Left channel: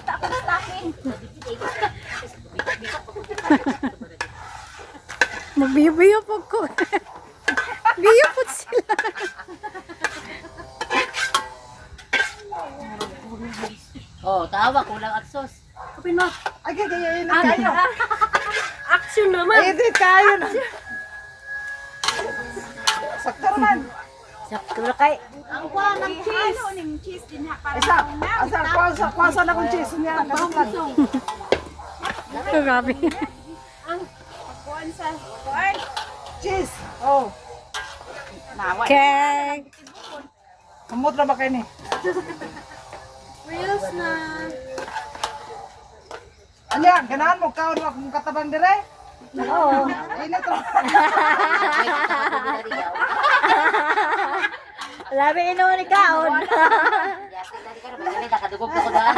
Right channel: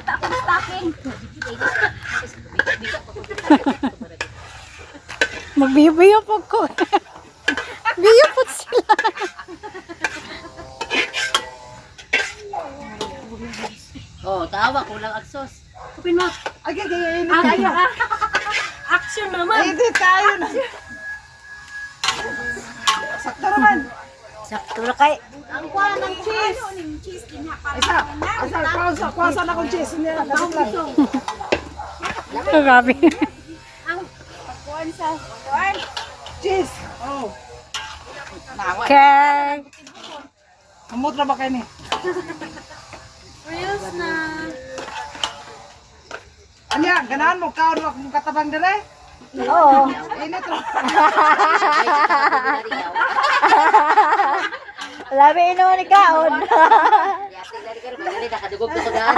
Kita ako stocking. Magbibiyo po ko. Biyo po sila. Oh, tawa kulang agsos. Kupin mo. Ay, gagawin na Ah, tayo. action naman. Ay, hindi tayo na. Sakto naman. Sakto na kay. Ang kuha ng cheese. Isa, kuwasa na kong cheese niya. Grabe. Ang kuha sa corn. Cheese. Oh. Nawa. Okay. Kamot na ba kayo ni? Reels na. Ano yan? Ganahan mo? Kaon mo kung katabang dire? Oo. Init ro. Labi ino ni kaon. Nakadugog ko sa daan.